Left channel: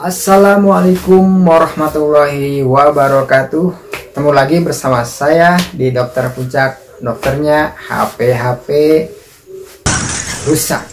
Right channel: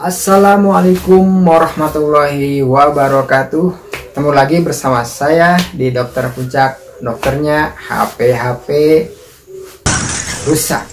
Assalamualaikum warahmatullahi wabarakatuh. Ketemu lagi bersama saya di Dokter Puncak, dokternya HP rusak.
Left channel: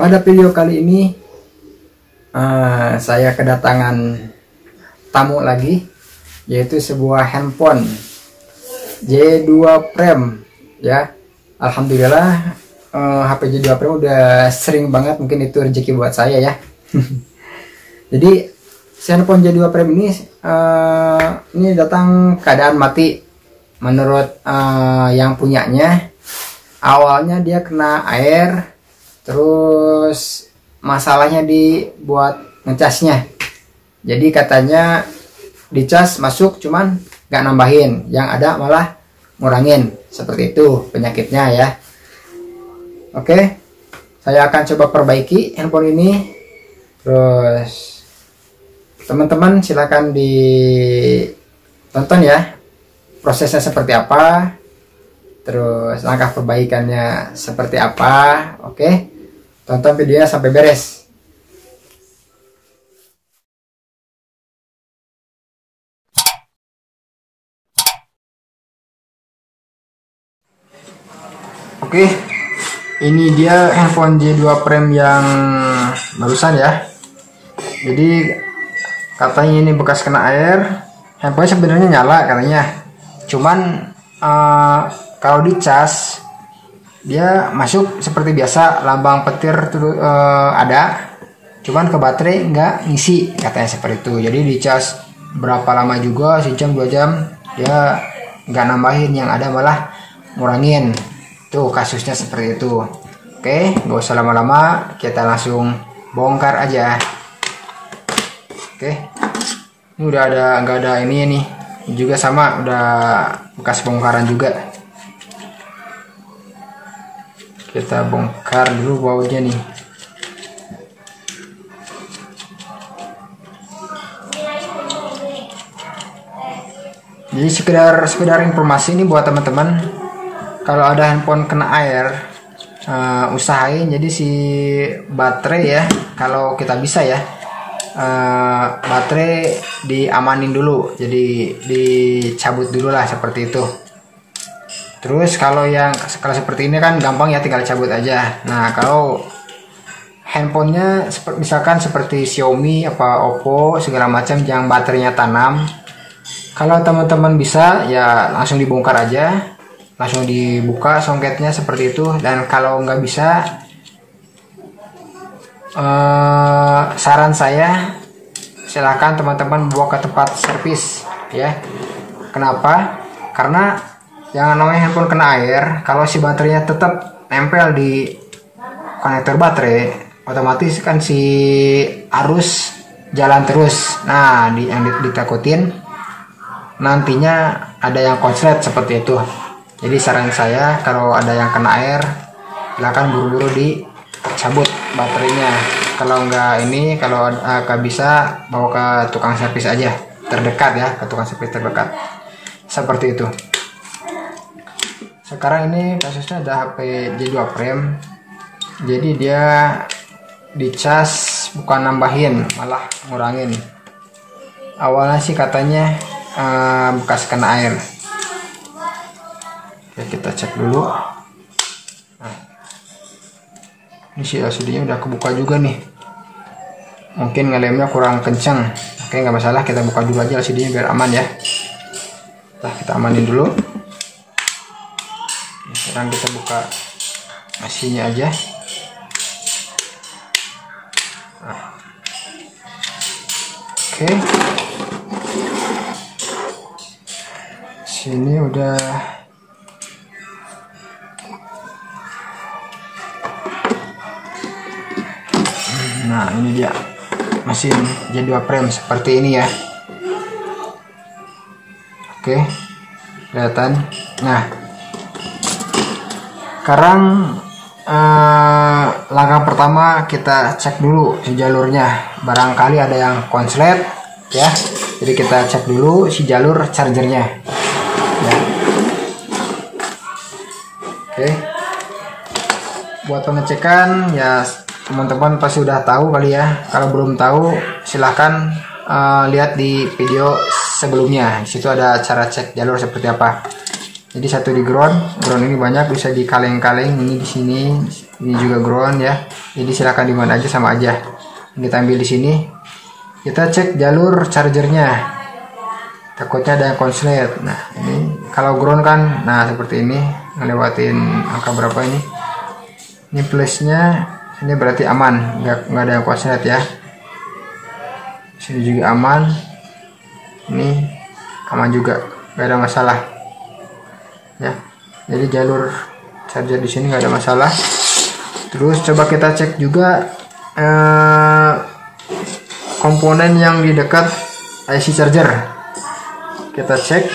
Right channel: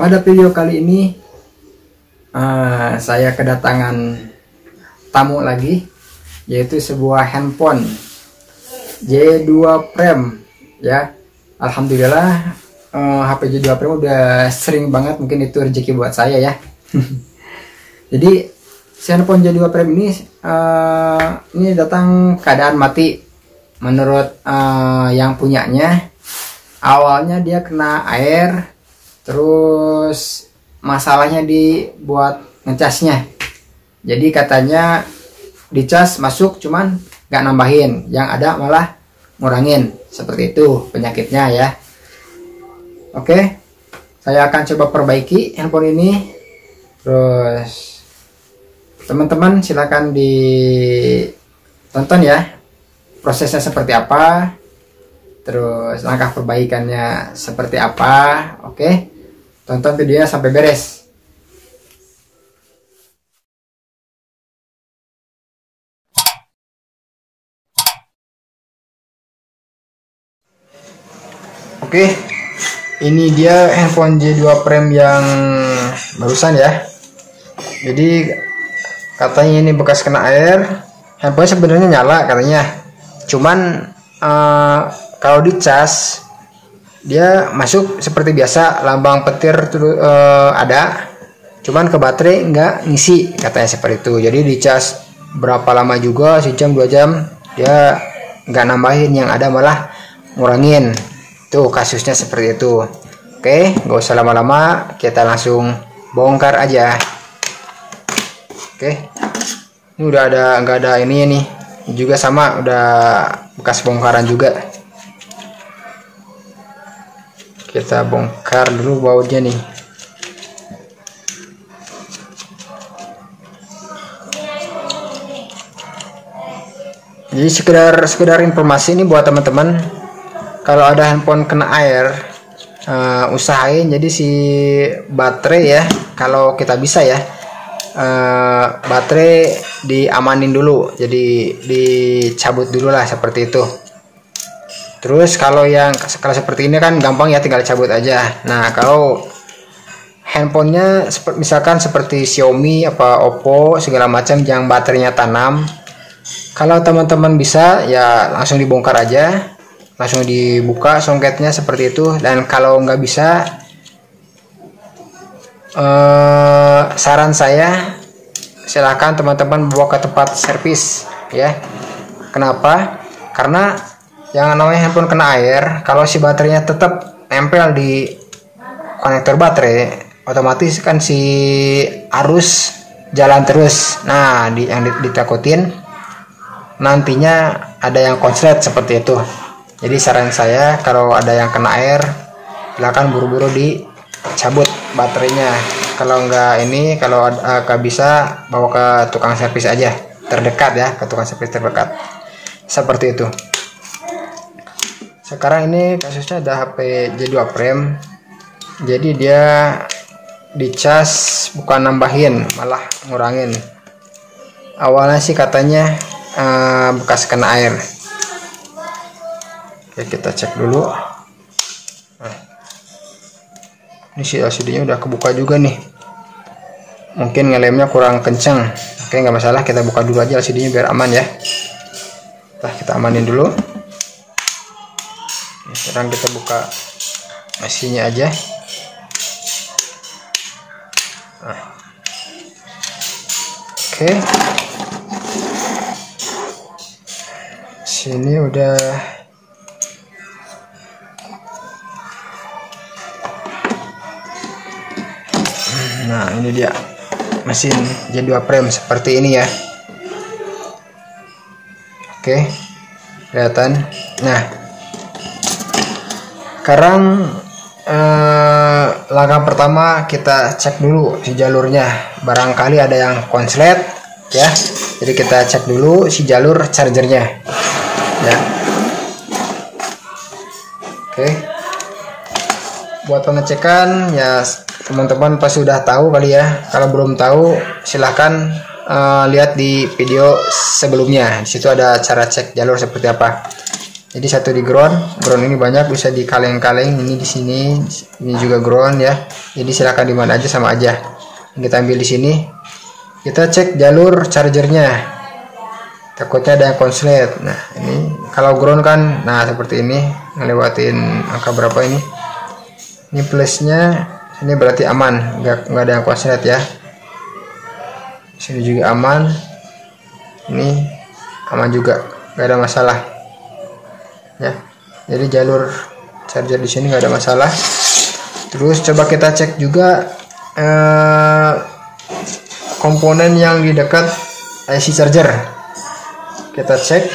Pada video kali ini saya kedatangan tamu lagi, yaitu sebuah handphone J2 Prime ya. Alhamdulillah HP J2 Prime udah sering banget, mungkin itu rezeki buat saya ya. Jadi si handphone J2 Prime ini datang keadaan mati. Menurut yang punyanya, awalnya dia kena air, terus masalahnya dibuat ngecasnya. Jadi katanya dicas masuk cuman gak nambahin, yang ada malah ngurangin. Seperti itu penyakitnya ya. Oke, saya akan coba perbaiki handphone ini. Terus teman-teman silakan ditonton ya, prosesnya seperti apa, terus langkah perbaikannya seperti apa. Oke, tonton videonya sampai beres. Oke, ini dia handphone J2 Prime yang barusan ya. Jadi katanya ini bekas kena air. Handphone sebenarnya nyala katanya, cuman kalau dicas dia masuk seperti biasa, lambang petir ada, cuman ke baterai nggak ngisi katanya seperti itu. Jadi dicas berapa lama juga, sejam 2 jam, dia nggak nambahin, yang ada malah ngurangin. Tuh kasusnya seperti itu. Oke, nggak usah lama-lama, kita langsung bongkar aja. Oke, ini udah ada, nggak ada ini nih, juga sama, udah bekas bongkaran juga. Kita bongkar dulu bautnya nih. Jadi sekedar informasi ini buat teman-teman. Kalau ada handphone kena air, usahain jadi si baterai ya, kalau kita bisa ya, baterai diamanin dulu, jadi dicabut dulu lah seperti itu. Terus kalau seperti ini kan gampang ya, tinggal cabut aja. Nah kalau handphonenya misalkan seperti Xiaomi apa Oppo segala macam yang baterainya tanam, kalau teman-teman bisa ya langsung dibongkar aja, langsung dibuka songketnya seperti itu. Dan kalau nggak bisa, saran saya silahkan teman-teman bawa ke tempat servis ya. Kenapa? Karena yang namanya handphone kena air, kalau si baterainya tetap nempel di konektor baterai, otomatis kan si arus jalan terus. Nah yang ditakutin nantinya ada yang konslet seperti itu. Jadi saran saya kalau ada yang kena air, silakan buru-buru dicabut baterainya. Kalau nggak bisa, bawa ke tukang servis aja terdekat ya, ke tukang servis terdekat. Seperti itu. Sekarang ini kasusnya ada HP J2 Prime. Jadi dia dicas bukan nambahin, malah ngurangin. Awalnya sih katanya bekas kena air. Oke, kita cek dulu. Nah, ini si LCD-nya udah kebuka juga nih. Mungkin ngelemnya kurang kencang. Oke, nggak masalah, kita buka dulu aja LCD-nya biar aman ya. Nah, kita amanin dulu. Sekarang kita buka IC-nya aja. Nah. Oke. Sini udah. Nah ini dia mesin J2 Prime seperti ini ya. Oke, kelihatan. Nah sekarang langkah pertama kita cek dulu si jalurnya, barangkali ada yang konslet ya. Jadi kita cek dulu si jalur chargernya ya. Oke, buat pengecekan ya teman-teman pasti sudah tahu kali ya. Kalau belum tahu silahkan lihat di video sebelumnya. Di situ ada cara cek jalur seperti apa. Jadi satu di ground ini banyak, bisa di kaleng-kaleng, ini di sini, ini juga ground ya. Jadi silahkan di mana aja sama aja. Kita ambil di sini. Kita cek jalur chargernya. Takutnya ada yang konslet. Nah, ini kalau ground kan, nah seperti ini, ngelewatin angka berapa ini? Ini plusnya, ini berarti aman, nggak ada yang konslet ya. Sini juga aman, ini aman juga, nggak ada masalah ya. Jadi jalur charger di sini nggak ada masalah. Terus coba kita cek juga komponen yang di dekat IC charger. Kita cek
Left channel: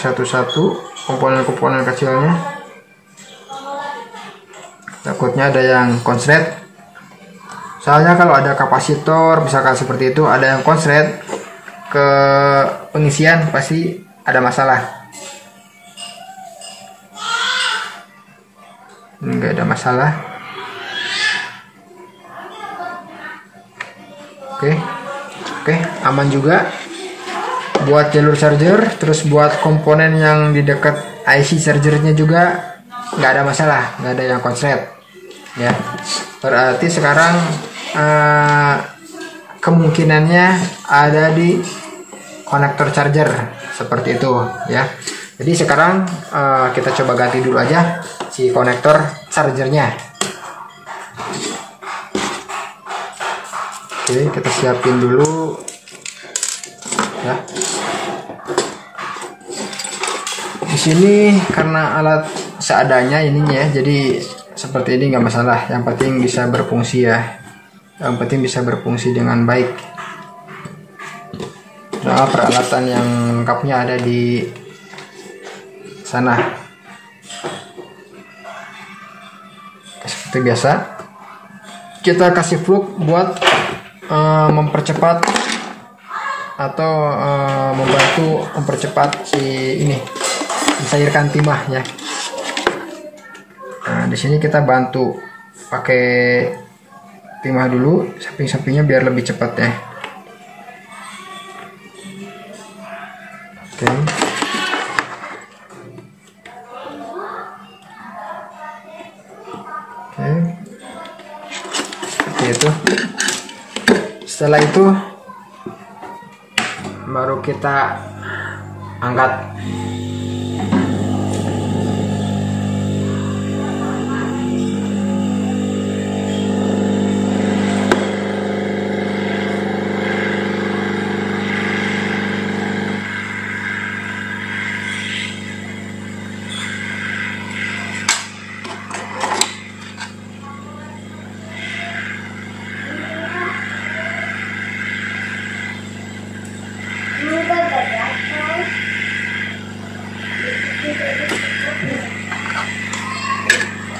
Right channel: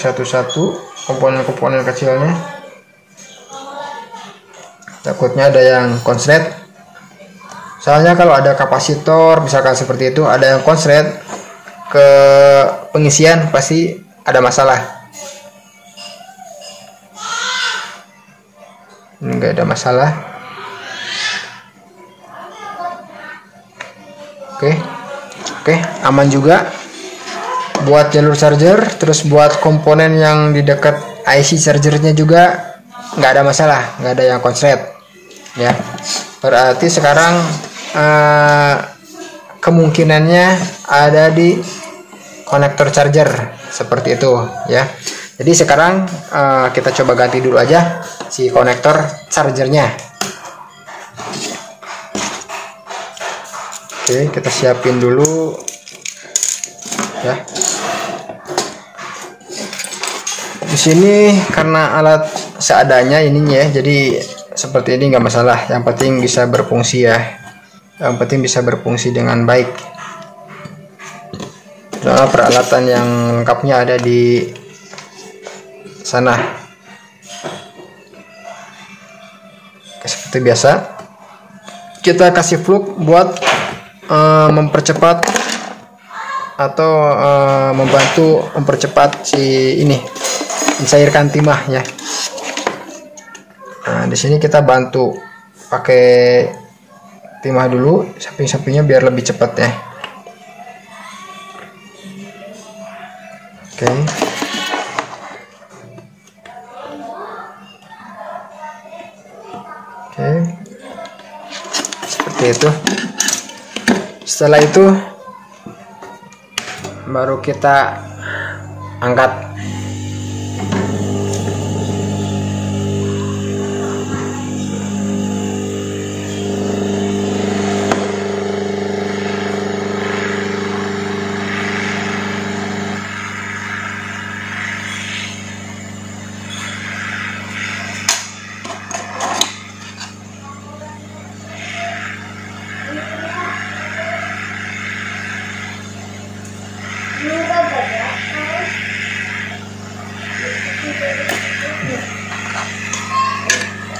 satu-satu komponen-komponen kecilnya. Takutnya ada yang konslet. Soalnya kalau ada kapasitor misalkan seperti itu, ada yang konslet ke pengisian, pasti ada masalah. Enggak ada masalah. Oke, aman juga buat jalur charger. Terus buat komponen yang di dekat IC chargernya juga nggak ada masalah, nggak ada yang konslet ya. Berarti sekarang kemungkinannya ada di konektor charger seperti itu ya. Jadi sekarang kita coba ganti dulu aja si konektor chargernya. Oke, kita siapin dulu ya. Di sini karena alat seadanya ininya ya, jadi seperti ini nggak masalah. Yang penting bisa berfungsi ya. Yang penting bisa berfungsi dengan baik. Nah, peralatan yang lengkapnya ada di sana. Seperti biasa, kita kasih flux buat mempercepat atau membantu mempercepat si ini, mencairkan timah ya. Nah, di sini kita bantu pakai timah dulu samping-sampingnya biar lebih cepat ya. Oke. Seperti itu. Setelah itu baru kita angkat.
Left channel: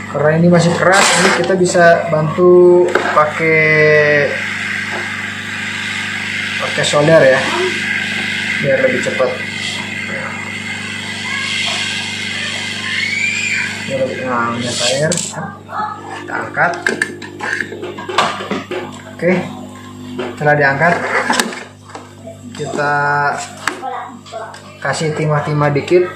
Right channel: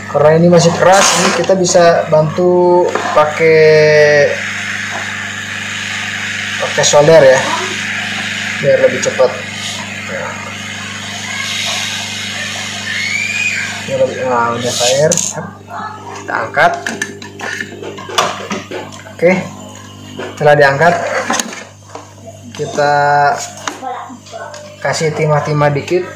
Karena ini masih keras, ini kita bisa bantu pakai solder ya, biar lebih cepat. Nah, udah cair, kita angkat. Oke, setelah diangkat, kita kasih timah-timah dikit.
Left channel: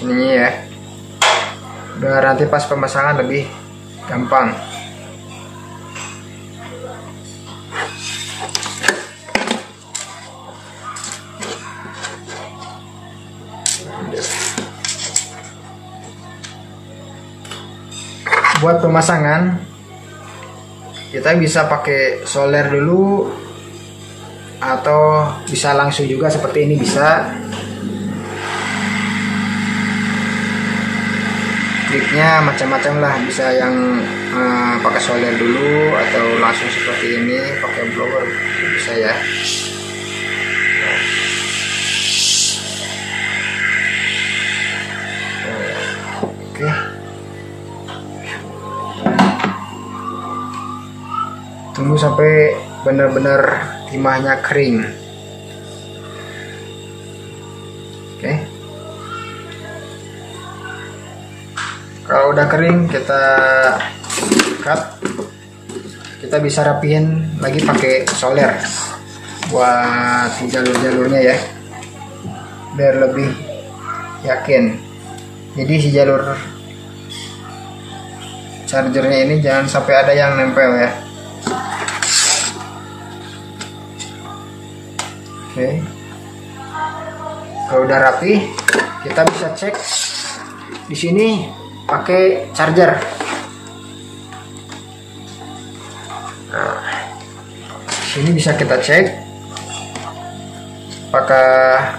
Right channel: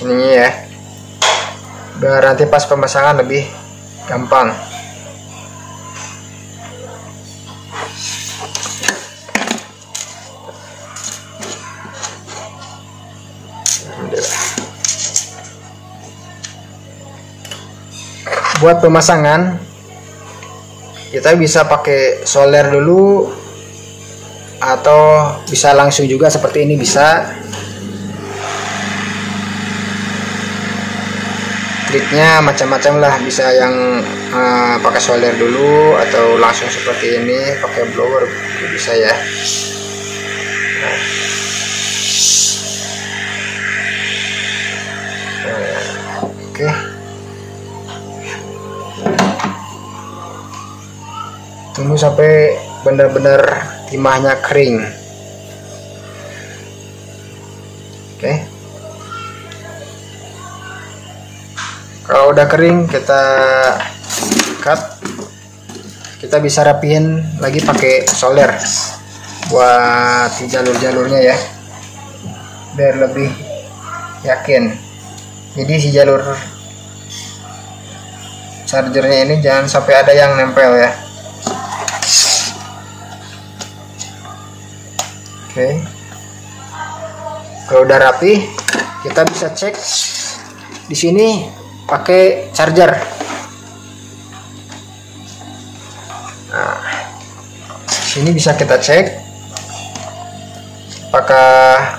Sini ya, biar nanti pas pemasangan lebih gampang. Buat pemasangan kita bisa pakai solder dulu atau bisa langsung juga seperti ini bisa. Triknya macam-macam lah, bisa yang pakai solder dulu atau langsung seperti ini pakai blower bisa ya. Oke. Tunggu sampai benar-benar timahnya kering. Oke. Kalau udah kering kita cut. Kita bisa rapihin lagi pakai solder buat jalur-jalurnya ya, biar lebih yakin. Jadi si jalur chargernya ini jangan sampai ada yang nempel ya. Oke. Kalau udah rapi, kita bisa cek di sini pakai charger. Nah, sini bisa kita cek apakah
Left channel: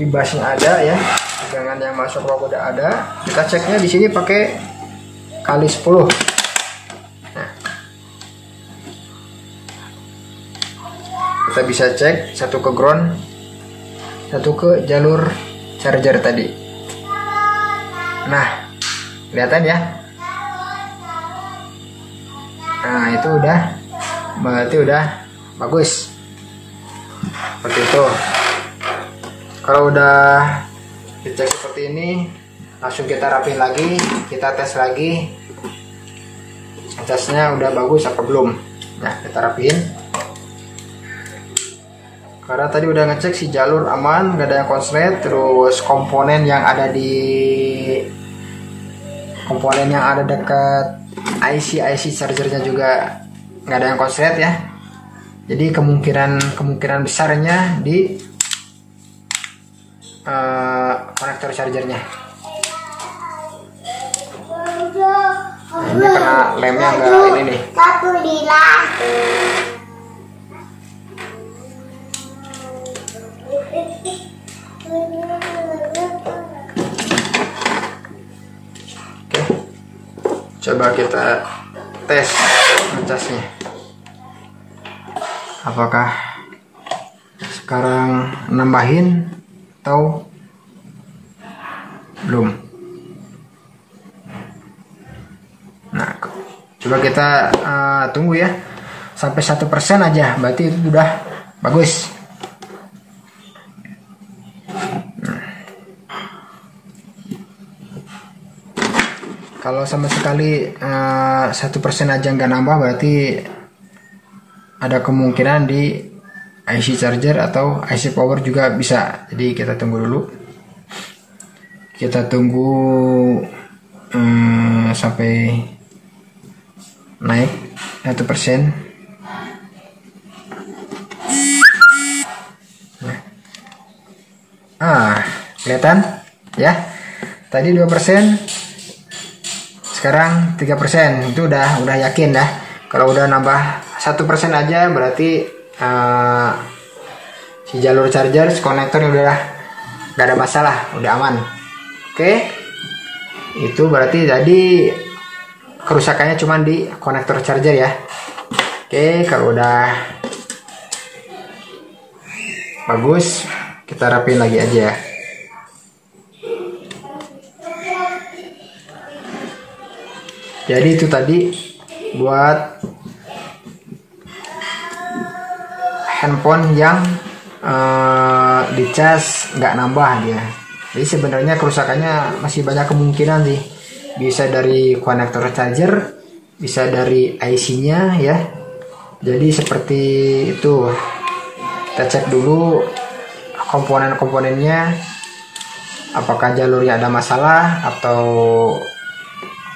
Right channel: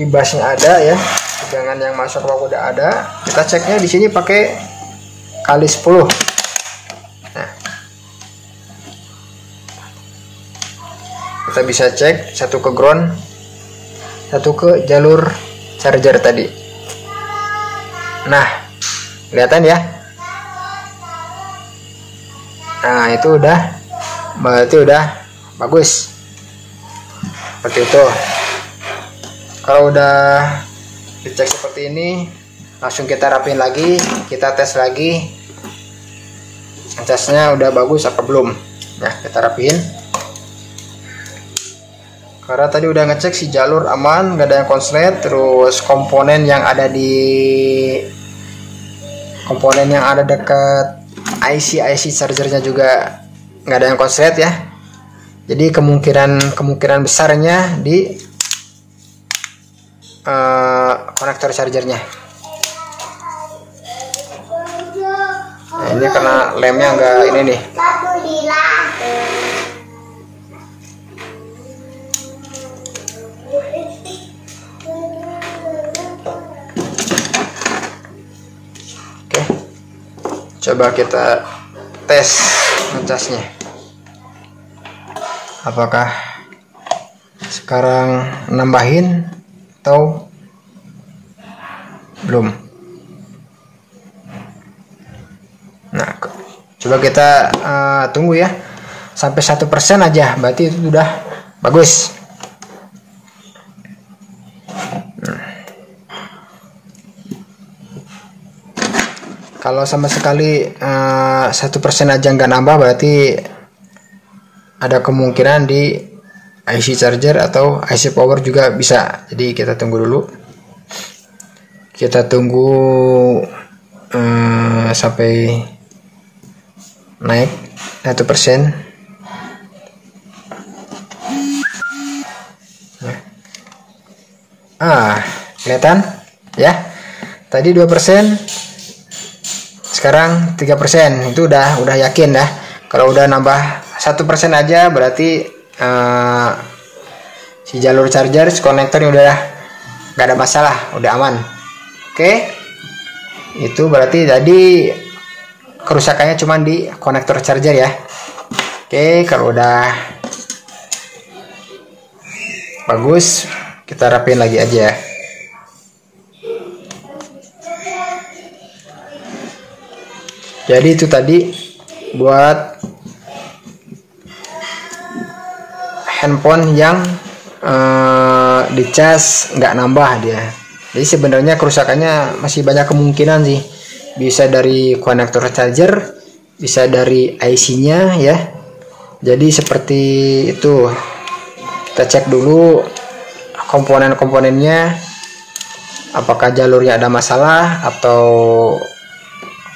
ibasnya ada ya, tegangan yang masuk rokok udah ada. Kita ceknya di sini pakai kali 10. Nah, kita bisa cek satu ke ground, satu ke jalur charger tadi. Nah, kelihatan ya. Nah, itu berarti udah bagus seperti itu. Kalau udah dicek seperti ini, langsung kita rapiin lagi, kita tes lagi casnya udah bagus apa belum. Nah, kita rapiin. Karena tadi udah ngecek si jalur aman, gak ada yang konslet, terus komponen yang ada dekat IC chargernya juga nggak ada yang konslet ya. Jadi kemungkinan besarnya di konektor chargernya. Nah, ini karena lemnya nggak ini nih. Coba kita tes ngecasnya, apakah sekarang nambahin atau belum. Nah, coba kita tunggu ya sampai 1% aja, berarti itu udah bagus. Kalau sama sekali 1% aja nggak nambah, berarti ada kemungkinan di IC charger atau IC power juga bisa. Jadi kita tunggu dulu. Kita tunggu sampai naik 1%. Kelihatan ya. Tadi 2%. Sekarang 3%, itu udah yakin dah. Kalau udah nambah 1% aja berarti si jalur charger, si konektornya udah gak ada masalah, udah aman. Oke, itu berarti tadi kerusakannya cuma di konektor charger ya. Oke, kalau udah bagus kita rapiin lagi aja ya. Jadi itu tadi buat handphone yang dicas nggak nambah dia. Jadi sebenarnya kerusakannya masih banyak kemungkinan sih. Bisa dari konektor charger, bisa dari IC-nya ya. Jadi seperti itu. Kita cek dulu komponen-komponennya, apakah jalurnya ada masalah atau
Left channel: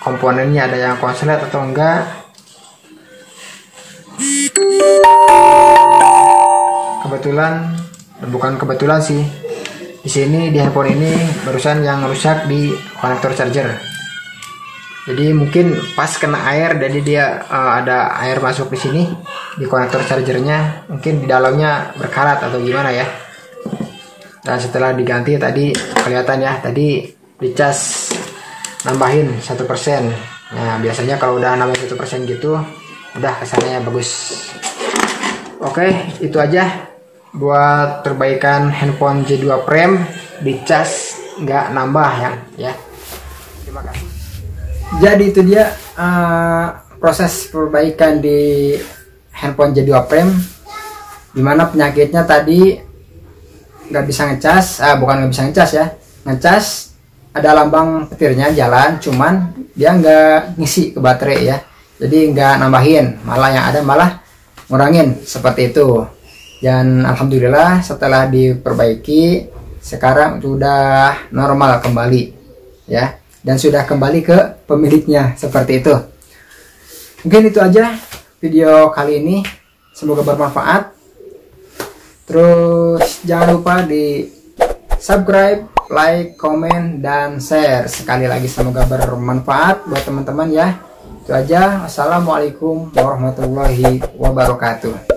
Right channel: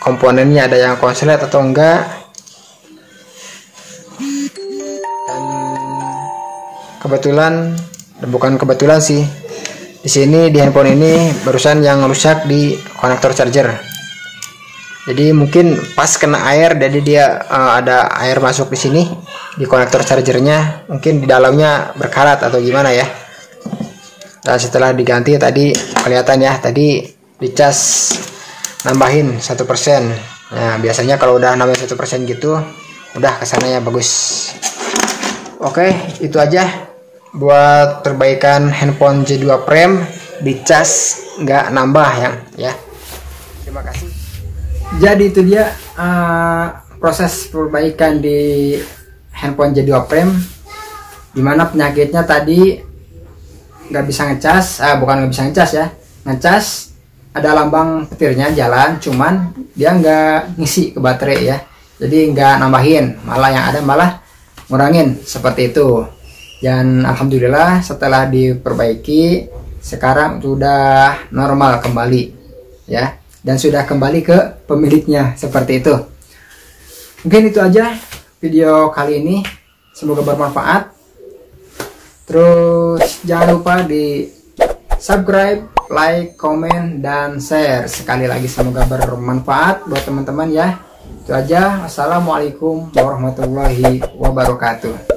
komponennya ada yang konslet atau enggak. Bukan kebetulan sih, di sini di handphone ini barusan yang rusak di konektor charger. Jadi mungkin pas kena air, jadi dia ada air masuk di sini di konektor chargernya, mungkin di dalamnya berkarat atau gimana ya. Dan setelah diganti tadi kelihatan ya, tadi dicas nambahin 1%. Nah, biasanya kalau udah nambah 1% gitu, udah kesannya bagus. Oke, itu aja buat perbaikan handphone J2 Prime dicas nggak nambah ya. Terima kasih. Jadi itu dia proses perbaikan di handphone J2 Prime, dimana penyakitnya tadi nggak bisa ngecas, bukan nggak bisa ngecas ya, ngecas ada lambang petirnya jalan, cuman dia nggak ngisi ke baterai ya, jadi nggak nambahin, malah yang ada malah ngurangin seperti itu. Dan alhamdulillah setelah diperbaiki sekarang sudah normal kembali ya, dan sudah kembali ke pemiliknya seperti itu. Mungkin itu aja video kali ini, semoga bermanfaat. Terus jangan lupa di subscribe, like, komen, dan share. Sekali lagi semoga bermanfaat buat teman-teman ya. Itu aja. Wassalamualaikum warahmatullahi wabarakatuh.